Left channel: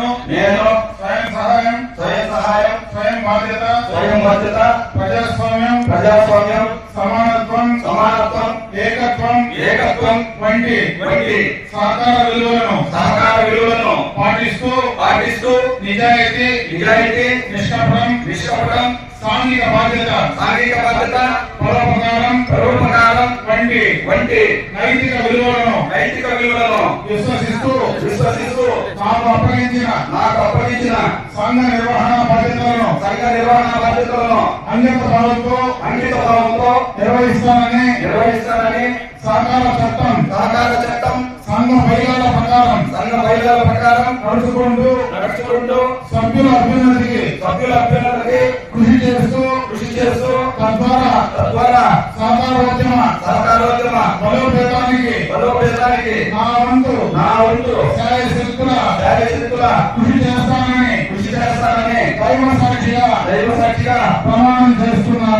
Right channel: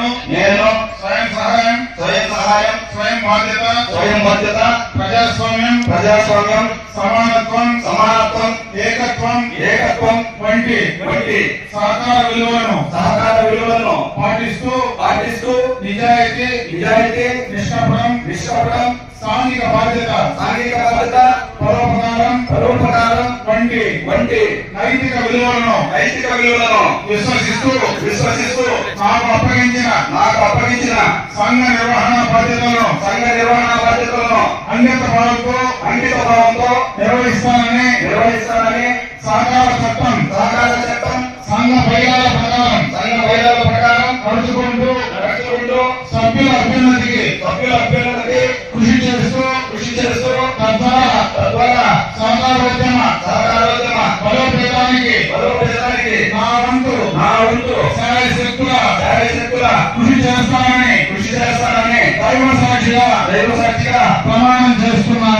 నేను నేను స్వయం సహాయం స్వయం సహాయం స్వయం బాధ్యత స్వయం బాధ్యత ప్రజాస్వామ్యం ప్రజాస్వామ్యం సమానత్వం సమానత్వం ఏకత్వం ఏకత్వం వంటి వంటి సహకార విలువలను సహకార విలువలను పాటిస్తూ పాటిస్తూ నిజాయితీ నిజాయితీ నిష్కపటం నిష్కపటం సాంఘిక బాధ్యత సాంఘిక బాధ్యత పరోపకారం పరోపకారం వంటి వంటి నైతిక విలువలను నైతిక విలువలను విశ్వసిస్తూ విశ్వసిస్తూ నాకు అప్పగించిన నాకు అప్పగించిన సంఘ నిర్వహణ బాధ్యతలను సంఘ నిర్వహణ బాధ్యతలను అంకిత భావంతో అంకిత భావంతో నిర్వహిస్తానని నిర్వహిస్తానని సహకార చట్టం సహకార చట్టం సంఘ బైలాల ప్రకారం సంఘ బయలుల ప్రకారం నడుచుకుంటూ నడుచుకుంటూ సభ్యుల అభ్యున్నతికి సభ్యుల అభ్యున్నతికి వంతు కృషి చేస్తానని కృషి చేస్తానని దైవ సాక్షిగా దైవ సాక్షిగా ప్రమాణం చేస్తున్నాను.